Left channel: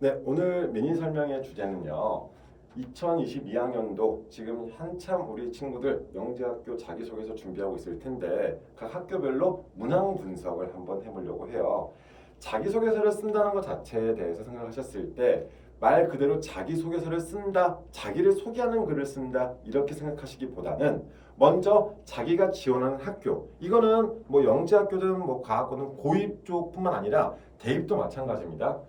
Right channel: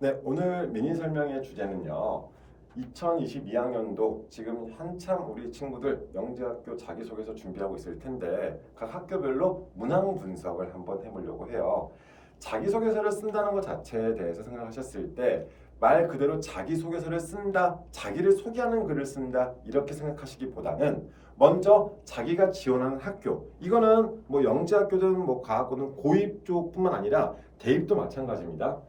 네, 오늘 미니 설명의 주제는요. 2022학년도 지금 한참 우리 친구들 영재학교 자기소개서 준비하고 있을 텐데 각 학교별로 문항 분석을 한번 해보려고 해요. 자기소개서를 쓴다는 것 자체에 대해서 생각하셨을 때 말 그대로 자기소개서를 쓴다, 자기를 소개하는 글을 쓴다 이렇게 생각하시기보다는 먼저 자기가 지원하는 학교, 이거는 뭐 영재학교든 뭐 과학고든 고입 쪽뿐만 아니라 대입도 마찬가지입니다.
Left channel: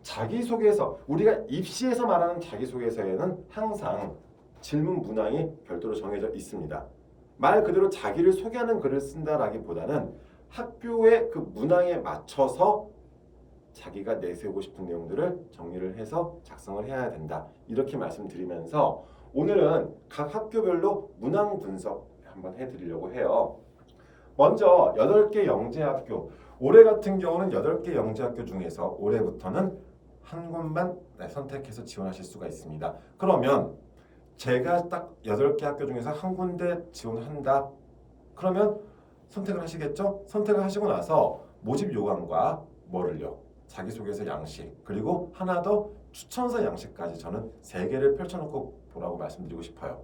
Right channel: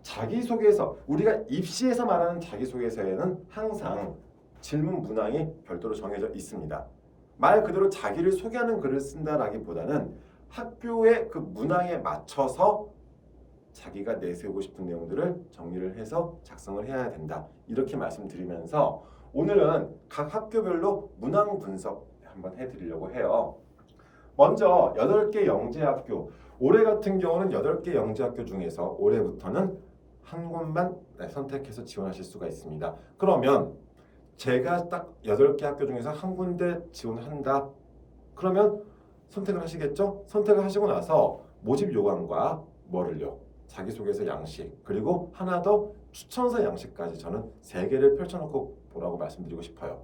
자기소개서, 우리가 입시에서 말하는 자기소개서에는 항상 질문 문항이 별도로 정해져 있습니다. 말 그대로 자기를 소개하는 글을 쓴다라기보다는 학교의 그 문항에 맞춰서 자기가 내세우고 싶은 내용들을 정리를 해서 작성을 해야 된다. 이렇게 말씀드리면서 오늘은 각 학교별로 문항 분석 한번 해드리려고 해요. 먼저 8개 영재학교, 올해 같은 경우는 8개 영재학교 중에서 올해부터는 한 곳만 선택해서 지원하실 수가 있습니다. 그러면 제가 딱 8개 학교 중에서 한 군데 지원한다. 그러면 선택을 하시겠죠? 선택을 하시고 나서 모집 요강과 뭐를요? 자기소개서 양식, 그리고 하나 더 추천서 양식까지 저는 3개를 펼쳐놓고 보라고 말씀드리고 싶어요.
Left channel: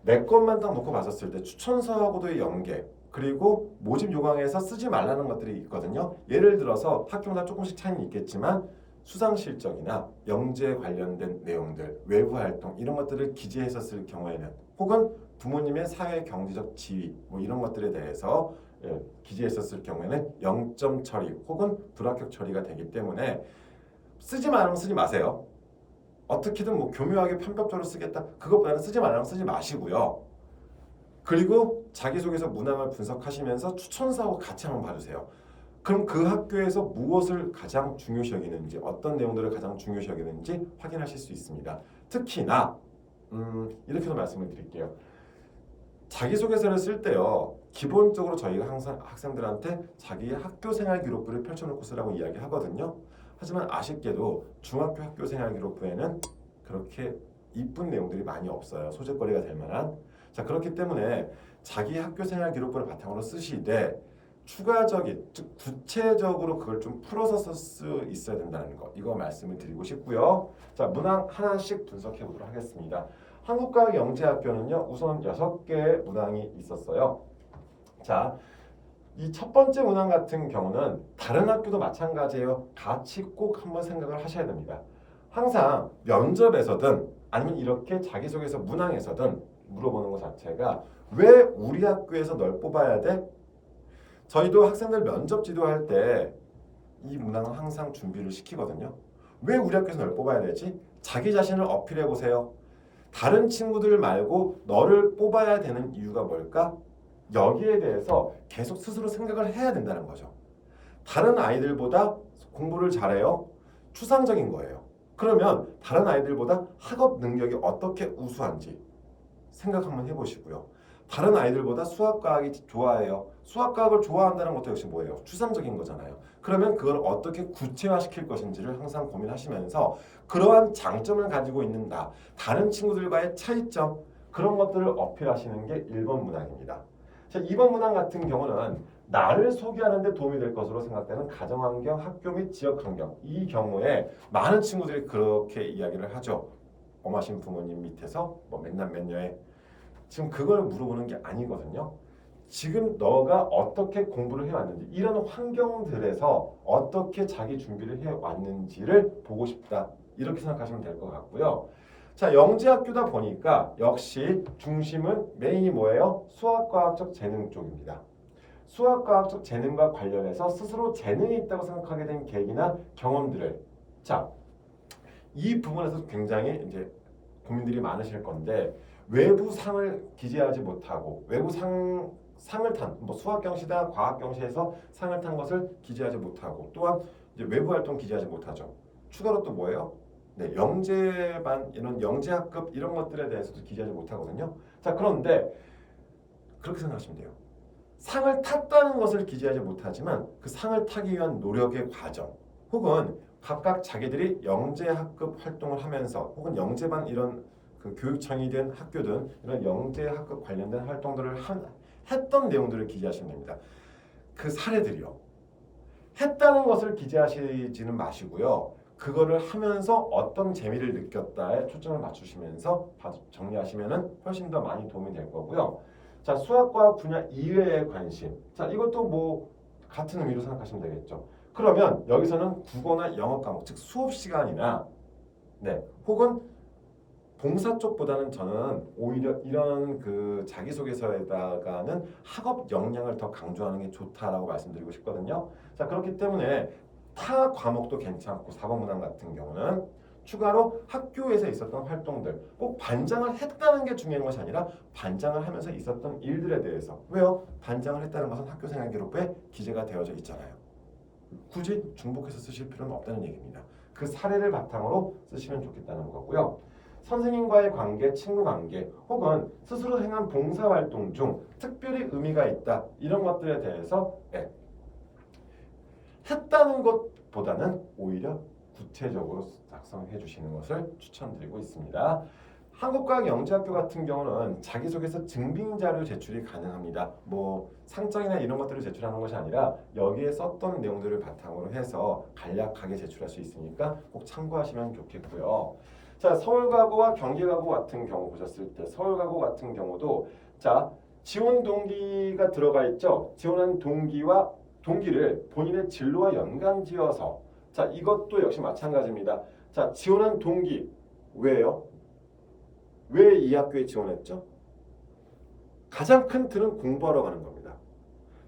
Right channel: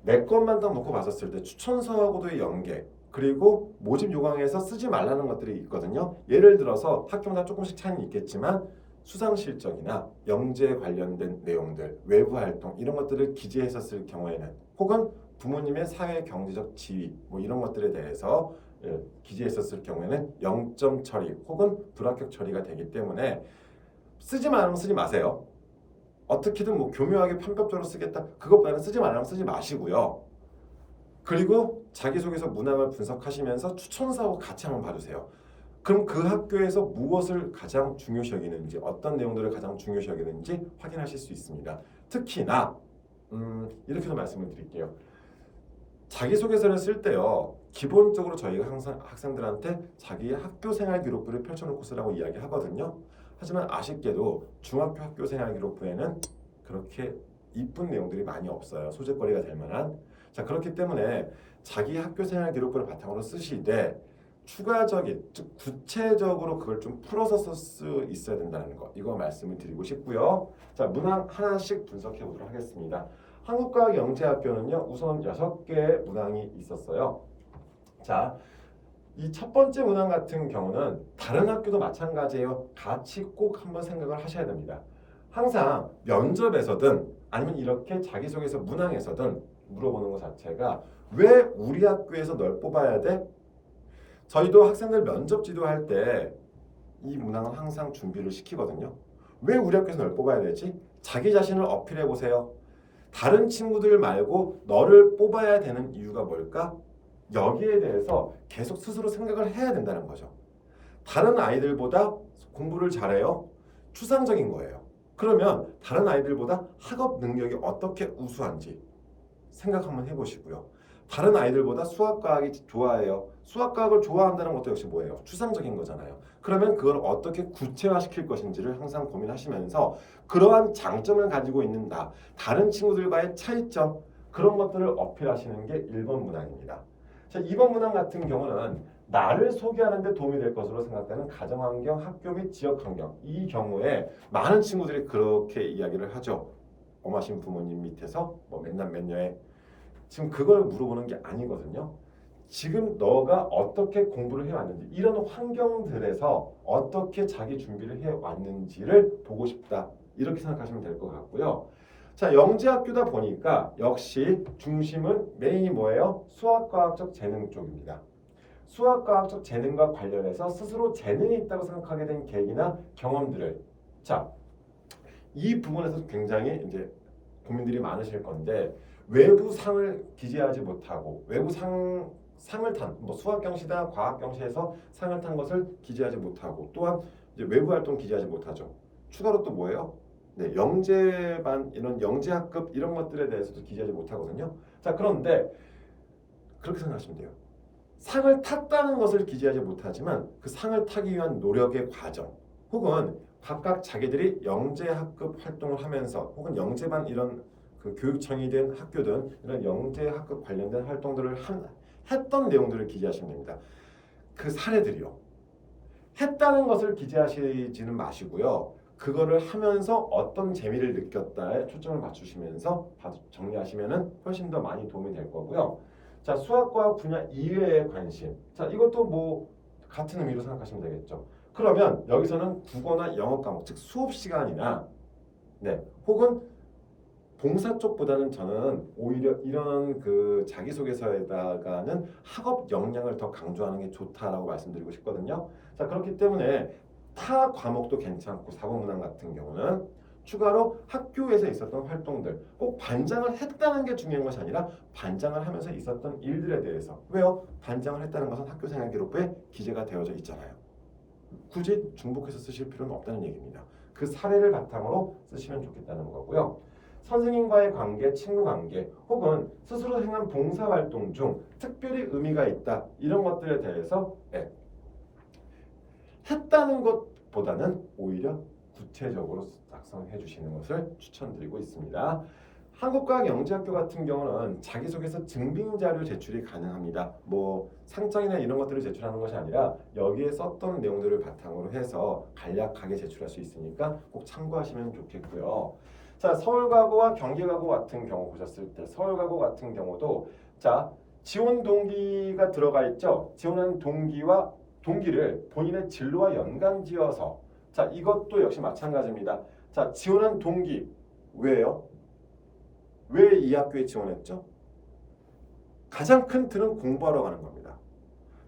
내 것만 딱 놓고 봤었을 때 추천서하고도의 연계, 그리고 모집 요강에서 쓰지 말라는 것들이 있거든요. 예를 들어서 학교마다 조금씩 차이는 있겠지만 수상 실적이나 영재 관련된 내용들, 외부 활동 이런 것들을 기재했었을 경우에는, 혹은 부모님의 사회 경제적 지위 뭐 이런 것들에 대해서 기재했었을 경우에는 0점 처리 혹은 불합격 처리가 되기 때문에 쓰지 말으면 쓰지 마세요. 어떻게든 뭐 교묘하게 편법적으로 쓰겠다, 그것보다는 쓰지 말라면 쓰지 마시고요. 그리고 자기소개서 문항을 분석하시면서 추천서하고 같이 한번 봐주세요. 그럼 그 학교에서 무엇을 가장 중요시 여기는지, 어떤 내용들을 가장 중요시 여기는지 확인하실 수 있습니다. 특히나 이렇게도 말씀을 드릴게요. 자기소개서를 쓸 때요, 기본적으로 저희가 항상 학생들한테 자기의 학교 생활 기록부를 펼쳐놓고 쓰라고 이야기하거든요. 하지만 아쉽게도 중학교 학교 생활 기록부에는 그렇게 이쁜 내용들이 많이 없어요. 소재거리가 될 만한. 자, 그렇기 때문에 자기 학교 생활 기록부를 바탕으로 쓰시되 추가적인, 즉 구체적으로 그걸 좀 풀어서 쓸 수 있어야 된다는 거, 이거 말씀을 드리고 싶고요. 자, 문항 하나씩 분석해 보도록 하겠습니다. 한국과학영재학교는요, 우선 6개의 문항이 있었어요. 자, 이 첫 번째 문항 같은 경우는 다른 학교도 마찬가지예요. 같이 꼭 한번 생각을 하셔야 됩니다. 항상 면접에서든 아니면 이렇게 자기소개서 문항에서든 물어보는 것 자체가 왜 우리 학교에서 널 뽑아야 돼? 저희도 학생들 면접 지도할 때 이 문항은 항상 준비를 시키거든요. 왜 우리 학교에서 널 뽑아야 되지? 자기 자신을 어필해 보세요. 다른 친구들 말고 너를 뽑아야 되는 이유가 뭘까? 여기에 대해서 계속 스스로 생각을 해야 된다는 거죠. 다른 아이들보다 공부를 잘해요. 추상적인 거예요. 그러면 다른 아이들보다 학업 능력이 어떻게 우수한지 생각 한번 해보시고요. 다른 아이들보다 수학과학이 좋아해요. 수학과학을 좋아한다는 것도 역시 뭐예요? 추상적인 거잖아요. 그러면 그걸 어떻게 구체화시킬 것인지를 항상 고민하시면서 그러한 장점을 가지고 있는 나, 다른 친구들과의 차이점, 그런 것들을 어필하시는 게 1번 문항입니다. 자, 2번 문항 같은 경우는 나를 소개하는 데 도움이 될 것으로 생각되는 가정환경, 학교 및 지역환경. 이 경우에 많은 친구들이 그렇게 이야기를 하죠. 엄하신 부모님 밑에서 뭐 맨날 맨녀에, 지금 그걸 물어보는 게 아니거든요. 지금 너가 어떻게 공부를 해왔는지, 이런 환경들에서 어떻게 자기 준비를 해왔는지를 보고 싶다. 이렇게 생각하시면 될 것 같고요. 자, 영재학교다 보니까 역시 중심은 메인이 뭐예요? 수학과학적 재능 쪽입니다. 수학과학적 재능과 관련해서 스스로 재능이 있다고 생각하게 된 계기나 경험들을, 자, 이 부분에서 굉장히 이제 고민들이 많으실 건데, 외부 상을 기재하지 못하고 외부 상을 탄, 뭐 수학 경시나 과학 경시에서 상을 탄 것을 기재하지 못하고, 또한 이제 외부 활동 기재하지 못하죠. 추가로 또 뭐예요? 네, 영재반 이런 영재학급 이런 것들에 대해서도 기재하지 못하거든요. 자, 그런데 그렇게 생각하시면 돼요. 상을 탔다는 것을 기재하지 못하지만 그 상을 타기 위한 노력의 과정, 혹은 각각 자기들이 영재학급 활동을 하면서, 혹은 영재반 이런 그 교육청이 된 학교든 이런 영재학급 관련된 활동들을 했던 내용들을 기재하시면 됩니다. 그 사례들이요. 했다는 것을 기재하시지는 마시고요. 그거를 하면서 어떤 재미를 느꼈다에 초점을 맞추시면서 정리하시면은 훨씬 더 많이 도움이 될 거고요. 자, 수학과학 분야 이외의 관심. 자, 이것도 뭐 같은 의미로 생각하시면 되겠죠. 그러면 여기서는 국어나 영어 과목, 즉 수업 시간이나 네, 혹은 봉사 쪽보다는 저는 오히려 이런 그 자기소개서에다가는 학업 역량을 더 강조하는 게 좋다라고 말씀드리고 싶거든요. 자, 그렇기 때문에 타 과목도 괜찮고 사고문항 같은 경우는 추가로 학교에서 있었던 활동들, 꼭 반장을 했다는 게 중요한 것이 아니라 반장을 하면서 있었던 일들에 대해서. 왜요? 반장을 했다는 것은 학교생활기록부에 기재가 되어져 있잖아요. 굳이 중복해서 쓰실 필요는 없다는 얘기입니다. 그 사례를 바탕으로 쓰시면 좋겠다는 거고요. 선생님과의 관계, 친구 관계, 혹은 스스로 행한 봉사활동 중 특별히 의미가 있다. 이런 것들에 대해서 했다는 것보다는 오히려 구체적으로 작성해 주시는 것을 추천드리고 있습니다. 한국과학영재학교 같은 경우는 자기소개서 증빙 자료 제출이 가능합니다. 뭐 상장이나 이런 것들을 제출하는 것이 아니라 여기에 썼던 내용들을 바탕으로 해서 간략하게 제출할 수 있으니까 꼭 참고하시면 좋겠고요. 자, 서울과고 경기과고 같은 경우 보셨을 때 서울과고 같은 경우도 자, 지원 동기가 들어가 있죠. 지원한 동기와 동기를 본인의 진로와 연관지어서 자, 이것도 역시 마찬가지입니다. 자, 지원한 동기 왜요? 왜 이 학교에 지원했죠? 가장 큰 틀은 공부하러 가는 겁니다.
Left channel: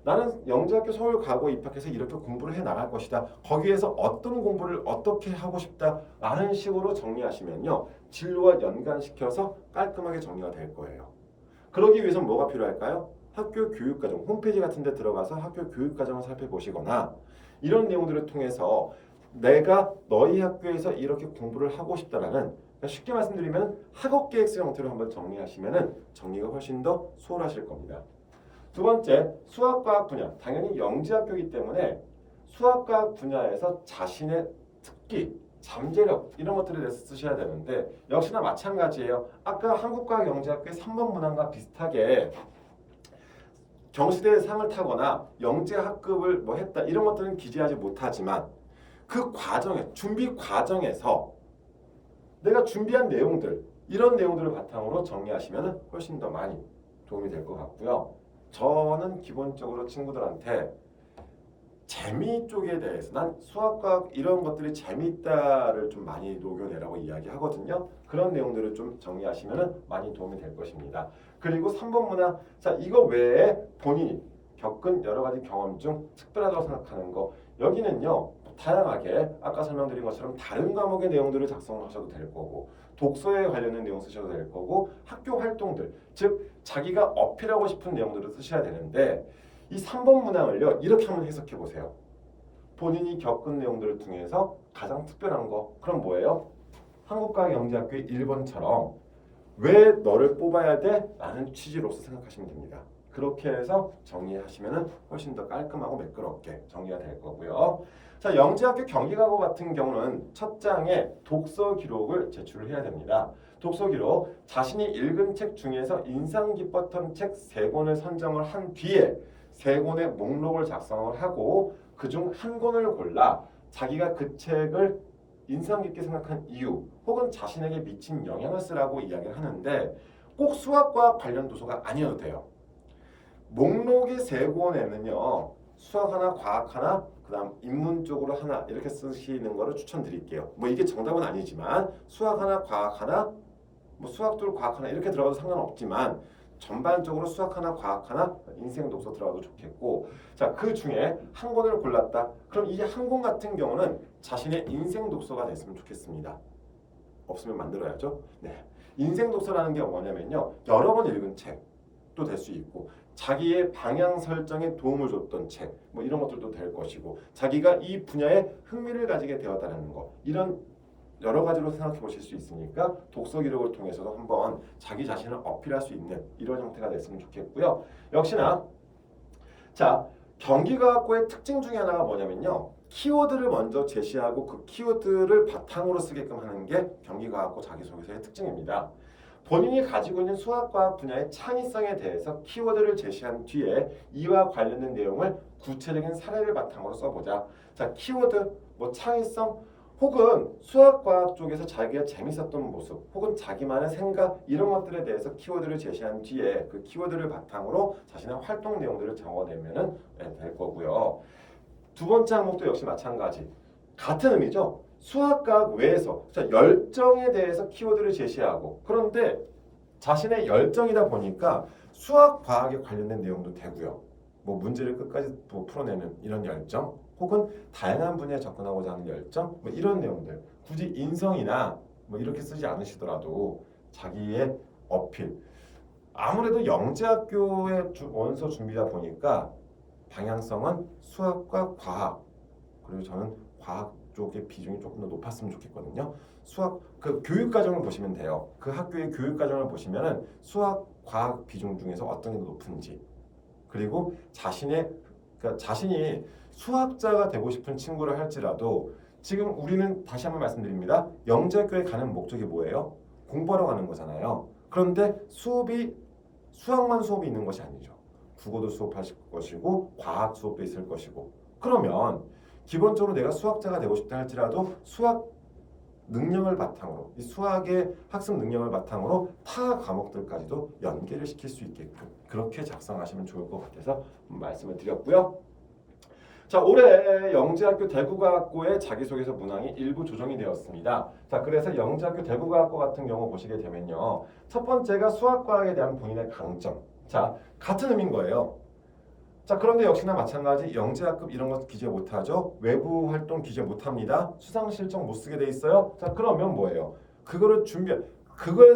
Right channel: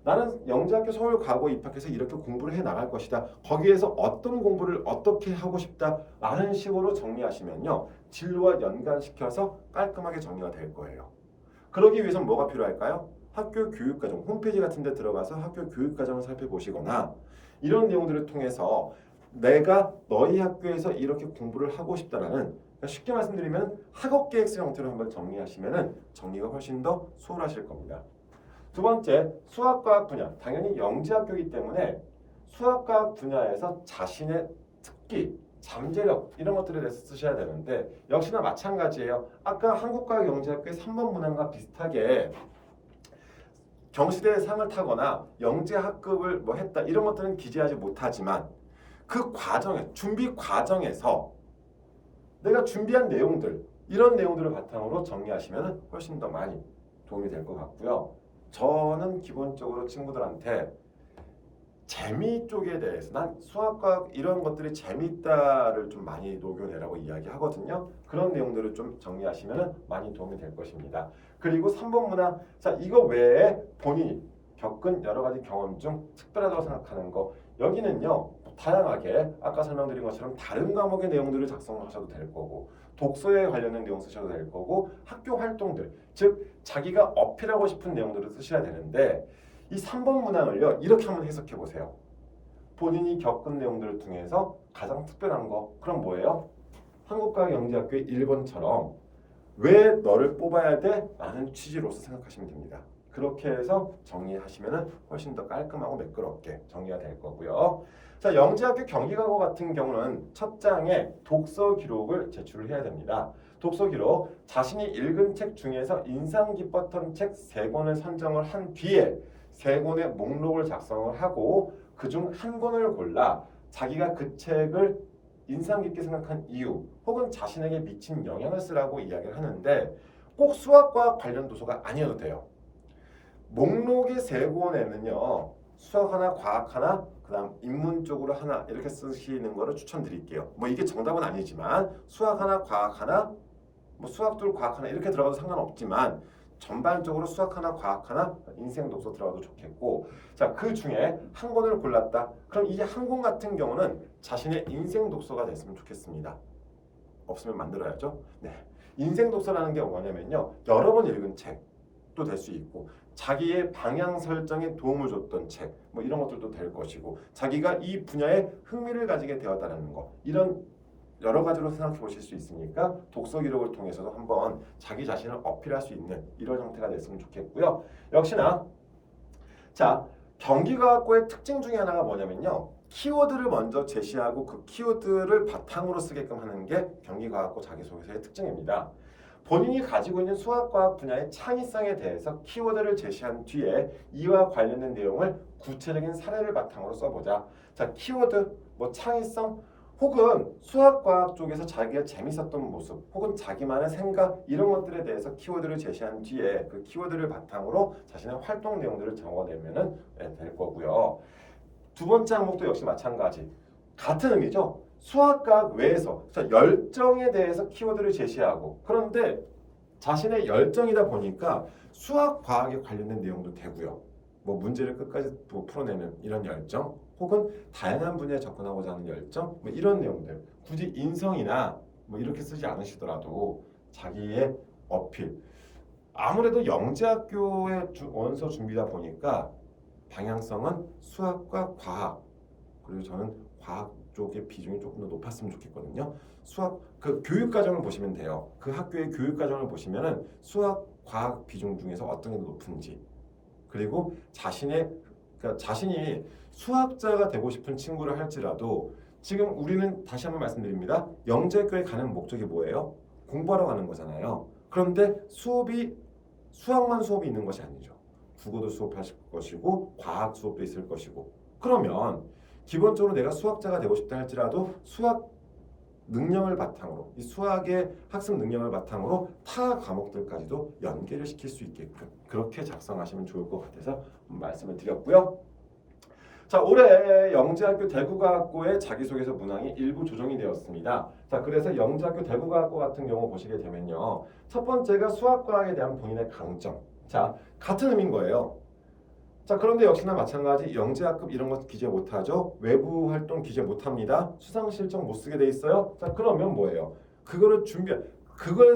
나는 영재학교 서울과고 입학해서 이렇게 공부를 해 나갈 것이다. 거기에서 어떤 공부를 어떻게 하고 싶다라는 식으로 정리하시면요. 진로와 연관시켜서 깔끔하게 정리가 될 거예요. 그러기 위해서는 뭐가 필요할까요? 학교 교육과정 홈페이지 같은 데 들어가서 학교 교육과정을 살펴보시거나 이런 내용들을 통해서 내가 너희 학교에서 이렇게 공부를 하고 싶다라는 쉽게 말씀드리면 학업 계획서 형태로 한번 정리하시면 정리가 훨씬 더 수월하실 겁니다. 두 번째, 수학과학 분야. 당연히 영재학교이기 때문에 수학과학 분야에서 자신의 특기, 잠재력 이런 것들에 대해서 쓰셔야 되는데 역시나 마찬가지예요. 아까 한국과학영재학교의 3번 문항과 비슷하게 경시대에 상을 타거나 영재학급을 뭐 했다 이런 것들은 기재하지 못하지만 그 과정에 준비 과정에서 내가 준비한 내용들 이런 내용들을 바탕으로 정리하시면 훨씬 더 많이 도움이 될 것 같고요. 저는 기본적으로 친구들한테 재미 쪽에 대해서 난 수학과학 이런 것들이 재미있다를 좀 많이 녹여내라고 이야기하거든요. 그런 내용들을 좀 정리하시면 많이 도움이 될 것입니다. 그리고 3번 문항, 자 이거 외에 본인이 겪은 여러 가지 경험 중 특별하다고 생각하는 거 여기는요. 다양하게 아까 설명드린 것처럼 다른 과목의 내용들을 작성하셔도 될 거고 독서에 관련된 내용 쓰셔도 될 거고 학교 활동들 즉 자기가 어필하고 싶은 내용들을 쓰셔야 되는데 이 3번 문항을요 이렇게 한번 해석해 보세요. 본인이 겪은 내용들을 통해서 가장 특별한 거 그럼 뭐예요? 한국과학영재학교의 1번처럼 왜 너를 뽑아야 돼? 라는 취지로서 생각하시면 됩니다. 그렇게 해서 정리하시면 훨씬 더 깔끔하고 매끄럽게 정리가 될 거고요. 자, 영재학교 경기과고 같은 경우는 첫 장에 독서 기록을 제출을 해야 됩니다. 독서 기록, 자신이 읽은 책 중에서 인상 깊었던 책 3권을 선정을 한 뒤에 3권의 목록을 작성을 하고 그중 한 권을 골라 자기가 그 책을 인상 깊게 생각한 이유 혹은 자신에게 미친 영향을 쓰라고 이야기를 하는데 꼭 수학과 관련 도서가 아니어도 돼요. 목록이 3권에는요. 수학 하나, 과학 하나, 그 다음 인문 쪽으로 하나 이렇게 쓰시는 거를 추천드릴게요. 뭐 이게 정답은 아니지만 수학 하나, 과학 하나, 뭐 수학 둘, 과학 하나 이렇게 들어가도 상관없지만 전반적으로 수학 하나, 과학 하나, 인생 독서 들어가도 좋겠고 자, 그 중에 한 권을 골랐다. 그럼 이 한 권 같은 경우는 자신의 인생 독서가 됐으면 좋겠습니다. 없으면 만들어야죠. 네. 인생 독서라는 게 뭐냐면요. 여러 번 읽은 책도 될 수 있고 자기의 방향 설정에 도움을 줬던 책, 뭐 이런 것들도 될 것이고 자기가 이 분야에 흥미를 가지게 되었다는 거 이런 여러 가지로 생각해 보실 수 있으니까 독서 기록을 통해서도 한번 자기 자신을 어필할 수 있는 이런 형태가 됐으면 좋겠고요. 역시나 자 경기과학고의 특징 중에 하나가 뭐냐면요. 키워드를 먼저 제시하고 그 키워드를 바탕으로 쓰게끔 하는 게 경기과학고 자기소개서의 특징입니다. 본인이 가지고 있는 수학과학 분야의 창의성에 대해서 키워드를 제시한 뒤에 이와 관련된 내용을 구체적인 사례를 바탕으로 써보자. 자, 키워드, 뭐 창의성, 혹은 수학과학 쪽에서 자기가 재밌었던 모습 혹은 자기만의 생각 이런 것들에 대해서 키워드를 제시한 뒤에 그 키워드를 바탕으로 자신의 활동 내용들을 적어내면 될 거고요. 두 번째 항목도 역시 마찬가지. 같은 의미죠. 수학과학 외에서 열정에 대해서 키워드를 제시하고 그런데 자신의 열정이다 보니까 수학, 과학에 관련된 내용도 되고요. 뭐 문제를 끝까지 풀어내는 이런 열정 혹은 다양한 분야에 접근하고자 하는 열정 뭐 이런 내용들 굳이 인성이나 뭐 이렇게 쓰지 않으시더라도 자기의 어필 아무래도 영재학교의 원서 준비다 보니까 방향성은 수학과 과학 그리고 저는 과학 쪽의 비중이 조금 더 높았으면 좋겠거든요. 수학 그 교육 과정을 보시면 돼요. 그 학교의 교육 과정을 보시면은 수학 과학 비중 중에서 어떤 게 더 높은지 그리고 그러니까 자신이 수학자가 되고 싶은 친구를 할지라도 지금 우리는 다시 한번 말씀드립니다. 영재학교에 가는 목적이 뭐예요? 공부하러 가는 거잖아요. 그런데 수학만 수업이 있는 것이 아니죠. 국어도 수업하실 것이고 과학 수업도 있을 것이고 그러면 기본적으로 내가 수학자가 되고 싶다 할지라도 수학 능력을 바탕으로 이 수학의 학습 능력을 바탕으로 타 과목들까지도 연계를 시킬 수 있게끔 그렇게 작성하시면 좋을 것 같아서 말씀을 드렸고요. 자, 올해 영재학교 대구과학고의 자기소개서 문항이 일부 조정이 되었습니다. 자, 그래서 영재학교 대구과학고 같은 경우 보시게 되면요. 첫 번째가 수학과학에 대한 본인의 강점. 자, 같은 의미인 거예요. 자, 그런데 역시나 마찬가지 영재학급 이런 것 기재 못하죠. 외부 활동 기재 못합니다. 수상 실적 못 쓰게 돼 있어요. 자, 그러면 뭐예요? 그걸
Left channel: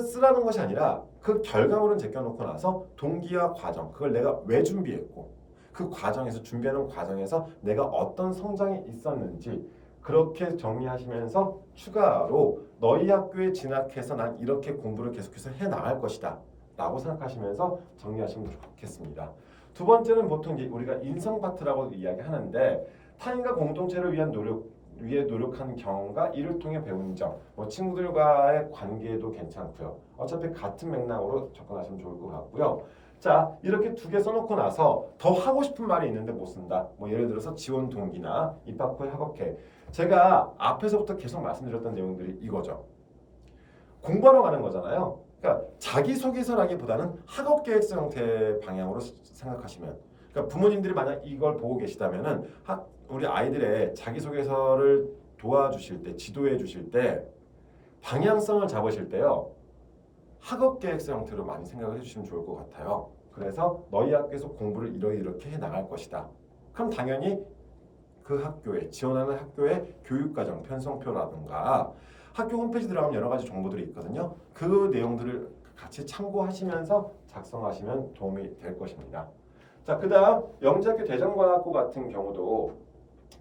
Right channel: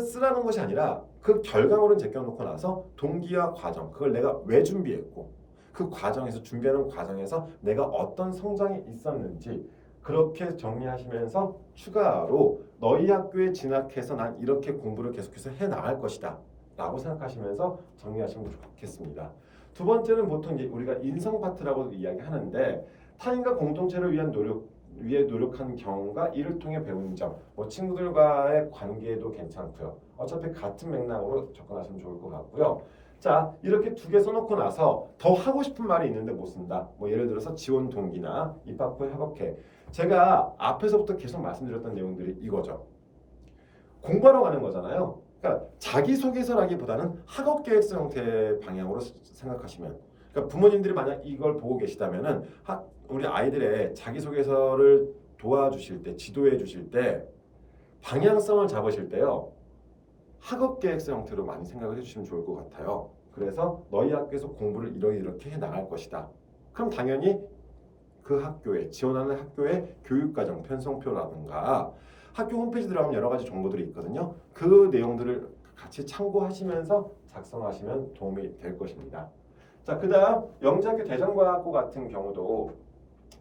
쓰라는 것이 아니라 그 결과물은 제껴놓고 나서 동기와 과정 그걸 내가 왜 준비했고 그 과정에서 준비하는 과정에서 내가 어떤 성장이 있었는지 그렇게 정리하시면서 추가로 너희 학교에 진학해서 난 이렇게 공부를 계속해서 해 나갈 것이다 라고 생각하시면서 정리하시면 좋겠습니다. 두 번째는 보통 이제 우리가 인성 파트라고 이야기하는데 타인과 공동체를 위해 노력하는 경험과 이를 통해 배운 점, 뭐 친구들과의 관계도 괜찮고요. 어차피 같은 맥락으로 접근하시면 좋을 것 같고요. 자, 이렇게 두 개 써놓고 나서 더 하고 싶은 말이 있는데 못 쓴다. 뭐 예를 들어서 지원 동기나 입학 후에 학업계. 제가 앞에서부터 계속 말씀드렸던 내용들이 이거죠. 공부하러 가는 거잖아요. 그러니까 자기소개서라기보다는 학업계획서 형태의 방향으로 생각하시면 그러니까 부모님들이 만약 이걸 보고 계시다면은 우리 아이들의 자기소개서를 도와주실 때 지도해 주실 때 방향성을 잡으실 때요. 학업계획서 형태로 많이 생각을 해주시면 좋을 것 같아요. 그래서 너희 학교에서 공부를 이렇게 해 나갈 것이다. 그럼 당연히 그 학교에 지원하는 학교의 교육과정 편성표라든가 학교 홈페이지 들어가면 여러 가지 정보들이 있거든요. 그 내용들을 같이 참고하시면서 작성하시면 도움이 될 것입니다. 자, 그다음 영재학교 대전과학고 같은 경우도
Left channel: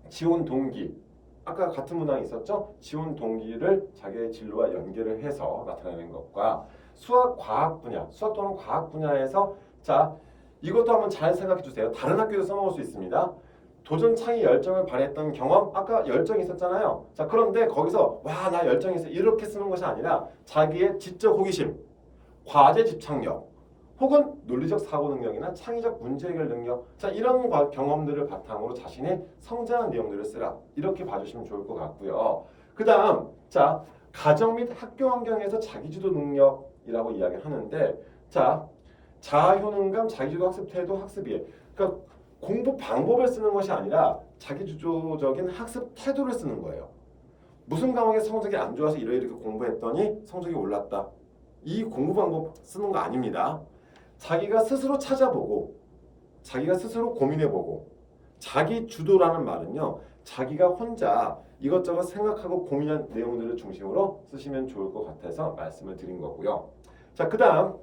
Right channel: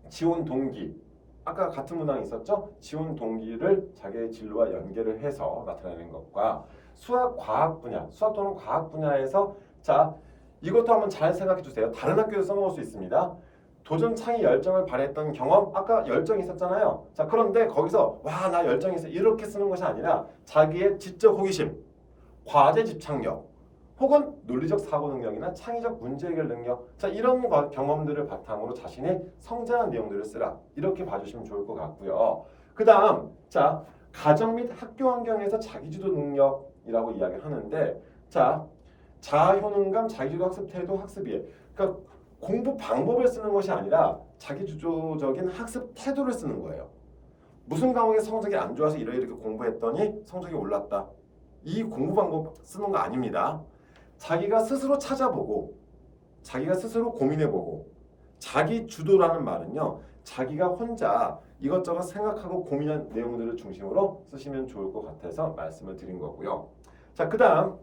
지원 동기 아까 같은 문항이 있었죠? 지원 동기를 자기의 진로와 연계를 해서 나타내는 것과 수학 과학 분야, 수학 또는 과학 분야에서 자, 이것도 한번 잘 생각해 주세요. 다른 학교에서 써먹을 수 있습니다. 도전 창의 열정을 발휘했던 경험 아까 열정이 있었잖아요. 자, 그런데 거기서 와, 나 열정이 있어 이렇게 쓰는 것이 아니라 자기의 지적 호기심, 과제 집착력 혹은 논리적 사고 능력이나 창의적 문제 해결 능력 자 이런 경험들을 바탕으로 자신의 성장한 내용들을 쓰라 이렇게 봐주시면 좋을 것 같고요. 그 다음 자 가정 및 학교 환경에서 자기주도 능력이라고 이야기하는데 자 자아효능감, 자기주도 학습 태도, 학습이해 그러니까 공부 방법을 쓰는 것이 아니라 자기주도적인 학습 태도를 쓰는 거예요. 무슨 과목에 성적이 안 좋아서 이렇게 공부했더니 성적이 올랐다. 이 공부 방법 쓰는 거 아닙니다. 자기가 스스로 찾아보고 자기가 스스로 고민해보고 자기 주도라는 말은요. 자기가 혼자 이것저것 생각하고 고민한 내용들을 중심으로 쓰시면 좋을 것 같아서 말씀을 드린 거고요. 자, 그 다음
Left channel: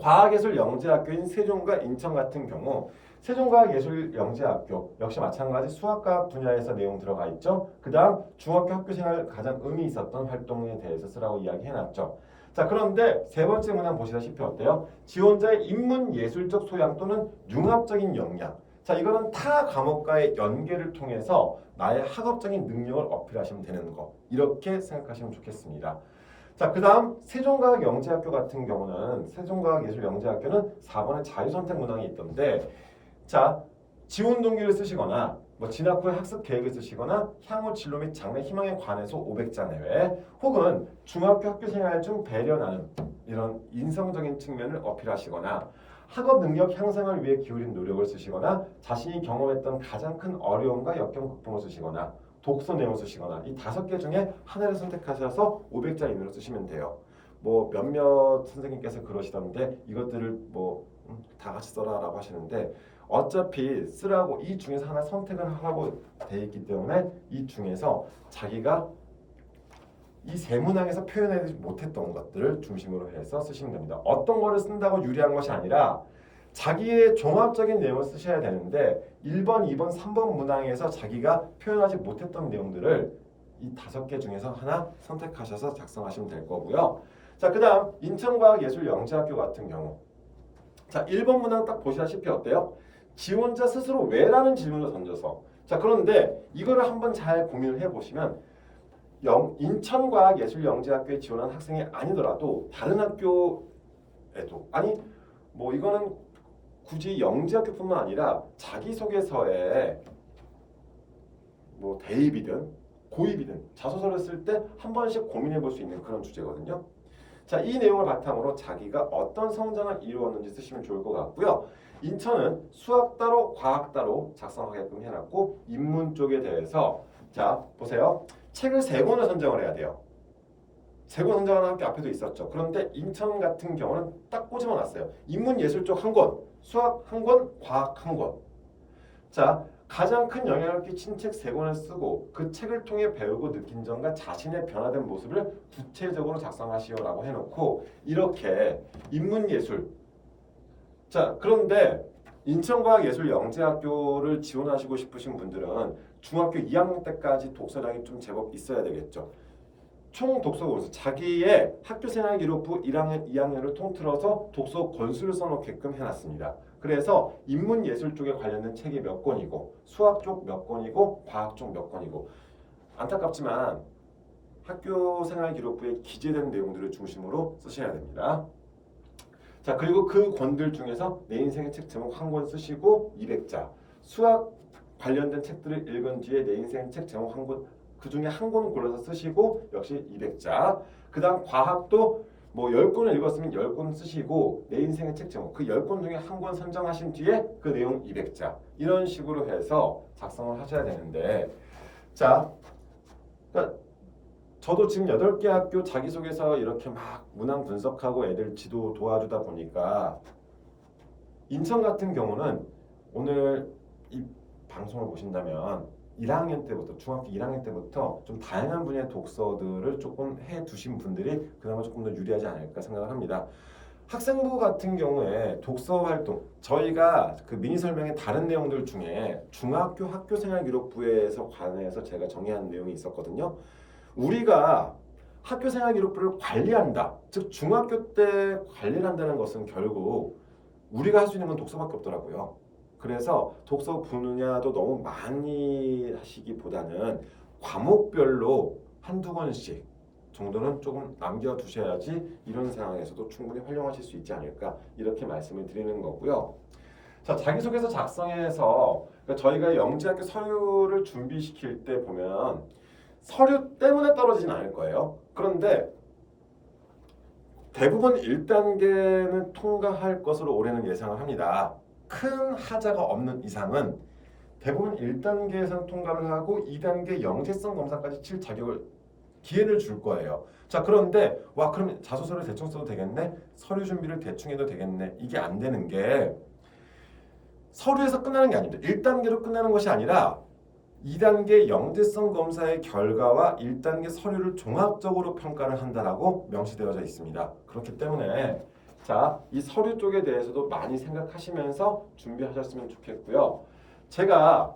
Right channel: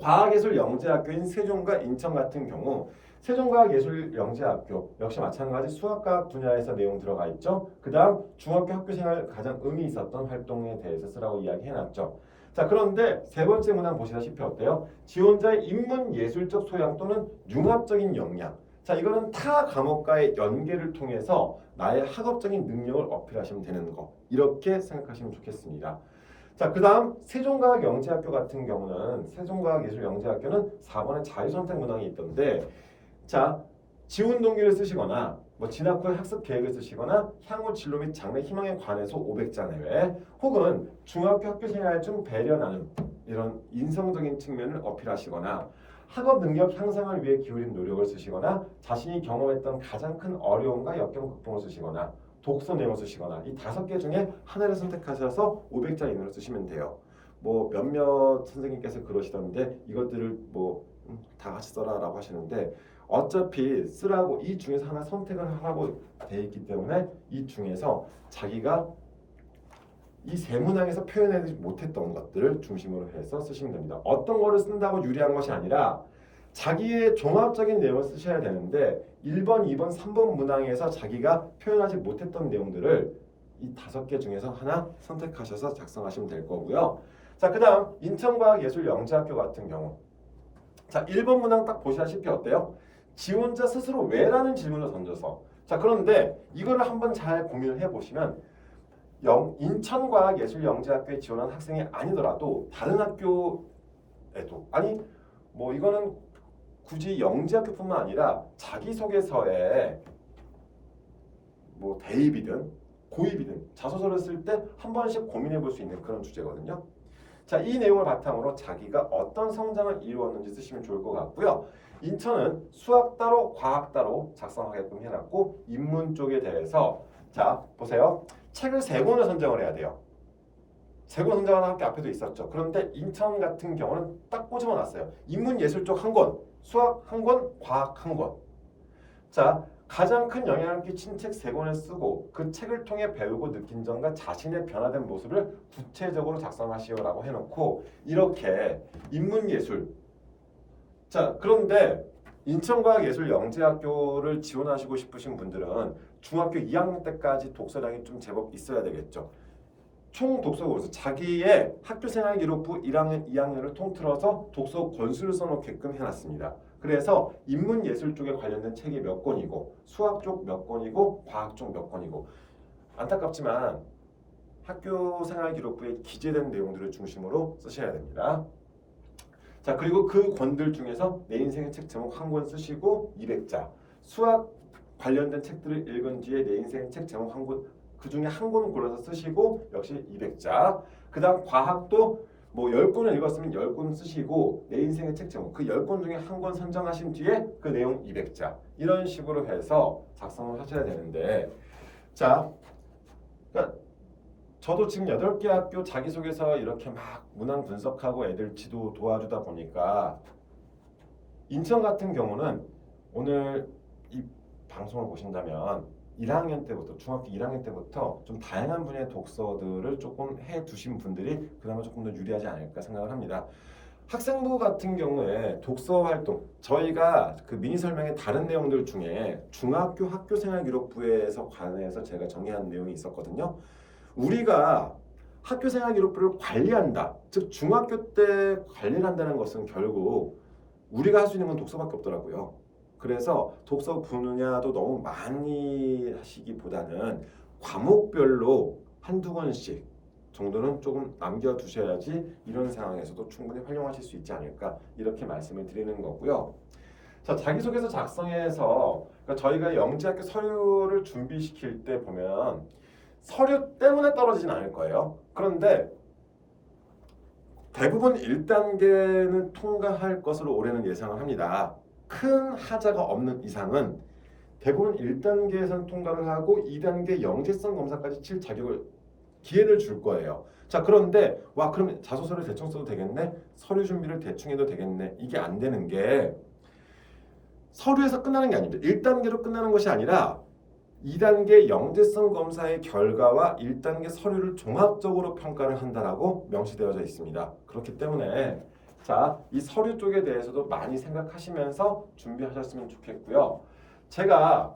과학예술영재학교인 세종과 인천 같은 경우 세종과학예술영재학교 역시 마찬가지 수학과학 분야에서 내용 들어가 있죠. 그 다음 중학교 학교생활 가장 의미 있었던 활동에 대해서 쓰라고 이야기해놨죠. 자, 그런데 세 번째 문항 보시다시피 어때요? 지원자의 인문예술적 소양 또는 융합적인 역량. 자, 이거는 타 과목과의 연계를 통해서 나의 학업적인 능력을 어필하시면 되는 거. 이렇게 생각하시면 좋겠습니다. 자, 그 다음 세종과학영재학교 같은 경우는 세종과학예술영재학교는 4번에 자유선택 문항이 있던데 자, 지원 동기를 쓰시거나 뭐 진학 후에 학습 계획을 쓰시거나 향후 진로 및 장래 희망에 관해서 500자 내외 혹은 중학교 학교 생활 중 배려 나눔 이런 인성적인 측면을 어필하시거나 학업 능력 향상을 위해 기울인 노력을 쓰시거나 자신이 경험했던 가장 큰 어려움과 역경 극복을 쓰시거나 독서 내용을 쓰시거나 이 5개 중에 하나를 선택하셔서 500자 이내로 쓰시면 돼요. 뭐 몇몇 선생님께서 그러시던데 이것들을 뭐 다 같이 써라라고 하시는데 어차피 쓰라고 이 중에서 하나 선택을 하고 돼 있기 때문에 이 중에서 자기가 이 세 문항에서 표현하지 못했던 것들을 중심으로 해서 쓰시면 됩니다. 어떤 거를 쓴다고 유리한 것이 아니라 자기의 종합적인 내용을 쓰셔야 되는데 1번, 2번, 3번 문항에서 자기가 표현하지 못했던 내용들을 이 5개 중에서 하나 선택하셔서 작성하시면 될 거고요. 자, 그 다음 인천과학예술영재학교 같은 경우 자, 1번 문항 딱 보시다시피 어때요? 지원자 스스로 왜라는 질문을 던져서 자, 그런데 이거를 한번 잘 고민을 해보시면 인천과학예술영재학교에 지원한 학생이 아니더라도 다른 학교에도 아니 뭐 이거는 굳이 영재학교뿐만 아니라 자기소개서에 뭐 대입이든 고입이든 자소서를 쓸 때 한 번씩 고민해 볼 수 있는 그런 주제거든요. 자, 이 내용을 바탕으로 자기가 어떤 성장을 이루었는지 쓰시면 좋을 것 같고요. 인천은 수학 따로 과학 따로 작성하게끔 해놨고 인문 쪽에 대해서 자 보세요. 책을 3권을 선정을 해야 돼요. 3권 선정하는 학교 앞에도 있었죠. 그런데 인천 같은 경우는 딱 꼬집어 놨어요. 인문 예술 쪽 1권, 수학 1권, 과학 1권. 자, 가장 큰 영향을 끼친 책 3권을 쓰고 그 책을 통해 배우고 느낀 점과 자신의 변화된 모습을 구체적으로 작성하시오라고 해놓고 이렇게 인문예술 자, 그런데 인천과학예술영재학교를 지원하시고 싶으신 분들은 중학교 2학년 때까지 독서량이 좀 제법 있어야 되겠죠. 총 독서 권수 자기의 학교생활 기록부 1학년, 2학년을 통틀어서 독서 권수를 써놓게끔 해놨습니다. 그래서 인문예술 쪽에 관련된 책이 몇 권이고 수학 쪽 몇 권이고 과학 쪽 몇 권이고 안타깝지만 학교생활 기록부에 기재된 내용들을 중심으로 쓰셔야 됩니다. 자, 그리고 그 권들 중에서 내 인생의 책 제목 1권 쓰시고 200자 수학 관련된 책들을 읽은 뒤에 내 인생의 책 제목 1권 그 중에 1권 골라서 쓰시고 역시 200자 그 다음 과학도 뭐 10권을 읽었으면 10권 쓰시고 내 인생의 책 제목 그 10권 중에 1권 선정하신 뒤에 그 내용 200자 이런 식으로 해서 작성을 하셔야 되는데 자 그러니까 저도 지금 8개 학교 자기소개서 이렇게 막 문항 분석하고 애들 지도 도와주다 보니까 인천 같은 경우는 오늘 이 방송을 보신다면 1학년 때부터 중학교 1학년 때부터 좀 다양한 분야의 독서들을 조금 해 두신 분들이 그나마 조금 더 유리하지 않을까 생각을 합니다. 학생부 같은 경우에 독서 활동 저희가 그 미니 설명의 다른 내용들 중에 중학교 학교생활 기록부에서 관해서 제가 정의한 내용이 있었거든요. 우리가 학교생활 기록부를 관리한다. 즉 중학교 때 관리를 한다는 것은 결국 우리가 할 수 있는 건 독서밖에 없더라고요. 그래서 독서 분야도 너무 많이 하시기보다는 과목별로 한두 권씩 정도는 조금 남겨두셔야지 이런 상황에서도 충분히 활용하실 수 있지 않을까 이렇게 말씀을 드리는 거고요. 자, 자기소개서 작성해서 그러니까 저희가 영재학교 서류를 준비시킬 때 보면 서류 때문에 떨어지진 않을 거예요. 그런데 대부분 1단계는 통과할 것으로 올해는 예상을 합니다. 큰 하자가 없는 이상은 대부분 1단계에서는 통과를 하고 2단계 영재성 검사까지 칠 자격을 기회를 줄 거예요. 자, 그런데 와 그럼 자소서를 대충 써도 되겠네? 서류 준비를 대충 해도 되겠네? 이게 안 되는 게 서류에서 끝나는 게 아닙니다. 1단계로 끝나는 것이 아니라 2단계 영재성 검사의 결과와 1단계 서류를 종합적으로 평가를 한다라고 명시되어져 있습니다. 그렇기 때문에 자, 이 서류 쪽에 대해서도 많이 생각하시면서 준비하셨으면 좋겠고요. 제가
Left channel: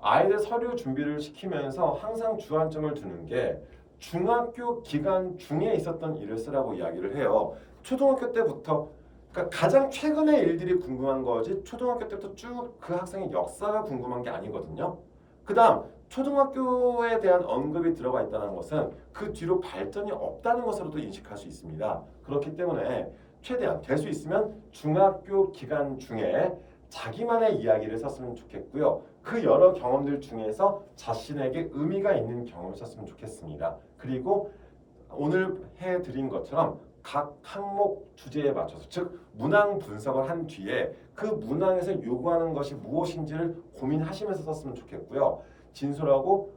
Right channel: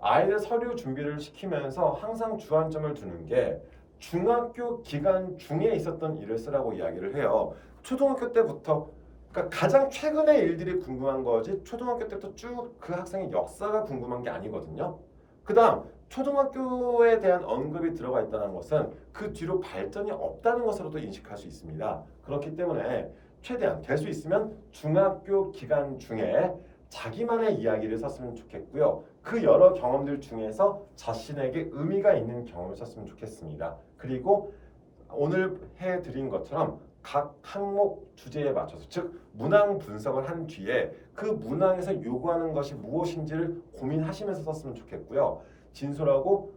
아이들 서류 준비를 시키면서 항상 주안점을 두는 게 중학교 기간 중에 있었던 일을 쓰라고 이야기를 해요. 초등학교 때부터 그러니까 가장 최근의 일들이 궁금한 거지 초등학교 때부터 쭉 그 학생의 역사가 궁금한 게 아니거든요. 그 다음 초등학교에 대한 언급이 들어가 있다는 것은 그 뒤로 발전이 없다는 것으로도 인식할 수 있습니다. 그렇기 때문에 최대한 될 수 있으면 중학교 기간 중에 자기만의 이야기를 썼으면 좋겠고요. 그 여러 경험들 중에서 자신에게 의미가 있는 경험을 썼으면 좋겠습니다. 그리고 오늘 해드린 것처럼 각 항목 주제에 맞춰서, 즉 문항 분석을 한 뒤에 그 문항에서 요구하는 것이 무엇인지를 고민하시면서 썼으면 좋겠고요. 진솔하고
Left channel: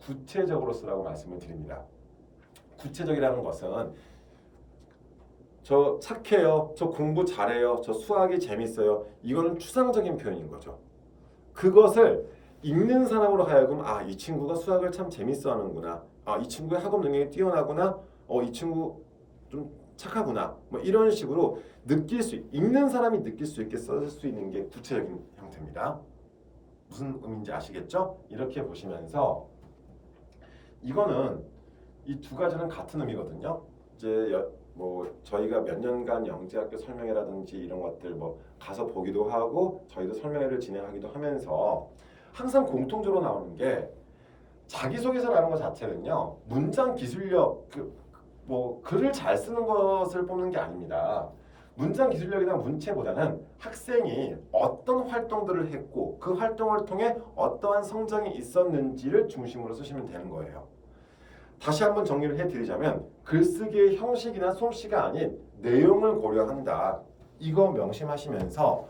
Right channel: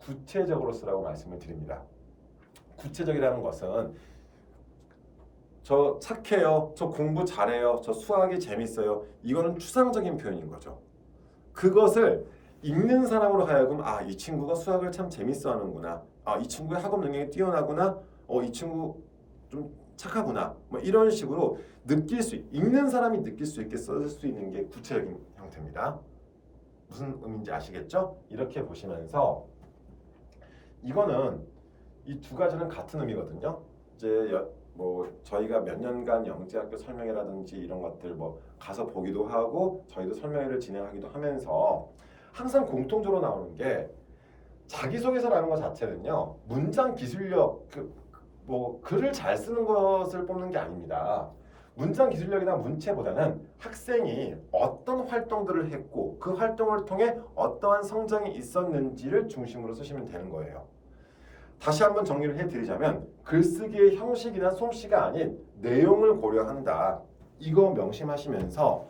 구체적으로 쓰라고 말씀을 드립니다. 구체적이라는 것은 저 착해요, 저 공부 잘해요, 저 수학이 재밌어요, 이거는 추상적인 표현인 거죠. 그것을 읽는 사람으로 하여금 이 친구가 수학을 참 재밌어 하는구나, 이 친구의 학업 능력이 뛰어나구나, 이 친구 좀 착하구나, 뭐 이런 식으로 읽는 사람이 느낄 수 있게 쓸 수 있는 게 구체적인 형태입니다. 무슨 의미인지 아시겠죠? 이렇게 보시면서 이거는 이 두 가지는 같은 의미거든요. 이제 뭐 저희가 몇 년간 영재학교 설명회라든지 이런 것들 뭐 가서 보기도 하고 저희도 설명회를 진행하기도 하면서 항상 공통적으로 나오는 게, 자기소개서라는 것 자체는요, 문장 기술력, 뭐 글을 잘 쓰는 것을 뽑는 게 아닙니다. 문장 기술력이나 문체보다는 학생이 어떤 활동들을 했고 그 활동을 통해 어떠한 성장이 있었는지를 중심으로 쓰시면 되는 거예요. 다시 한번 정리를 해드리자면, 글쓰기의 형식이나 솜씨가 아닌 내용을 고려한다. 이거 명심하시면서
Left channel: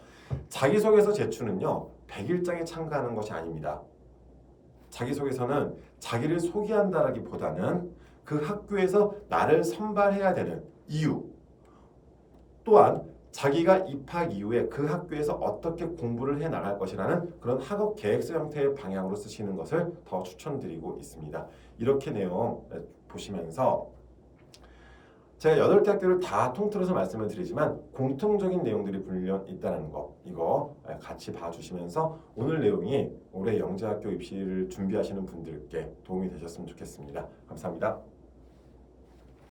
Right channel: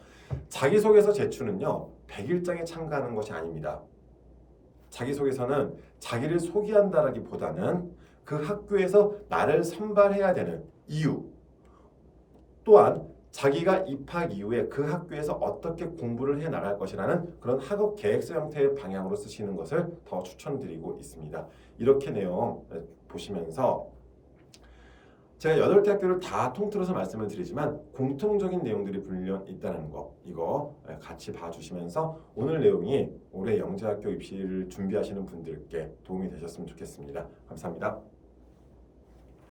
자기소개서 제출은요, 100일장에 참가하는 것이 아닙니다. 자기소개서는 자기를 소개한다라기보다는 그 학교에서 나를 선발해야 되는 이유, 또한 자기가 입학 이후에 그 학교에서 어떻게 공부를 해 나갈 것이라는 그런 학업 계획서 형태의 방향으로 쓰시는 것을 더 추천드리고 있습니다. 이렇게 내용 보시면서 제가 8개 학교를 다 통틀어서 말씀을 드리지만 공통적인 내용들이 분명 있다는 거, 이거 같이 봐주시면서 오늘 내용이 올해 영재학교 입시를 준비하시는 분들께 도움이 되셨으면 좋겠습니다. 감사합니다.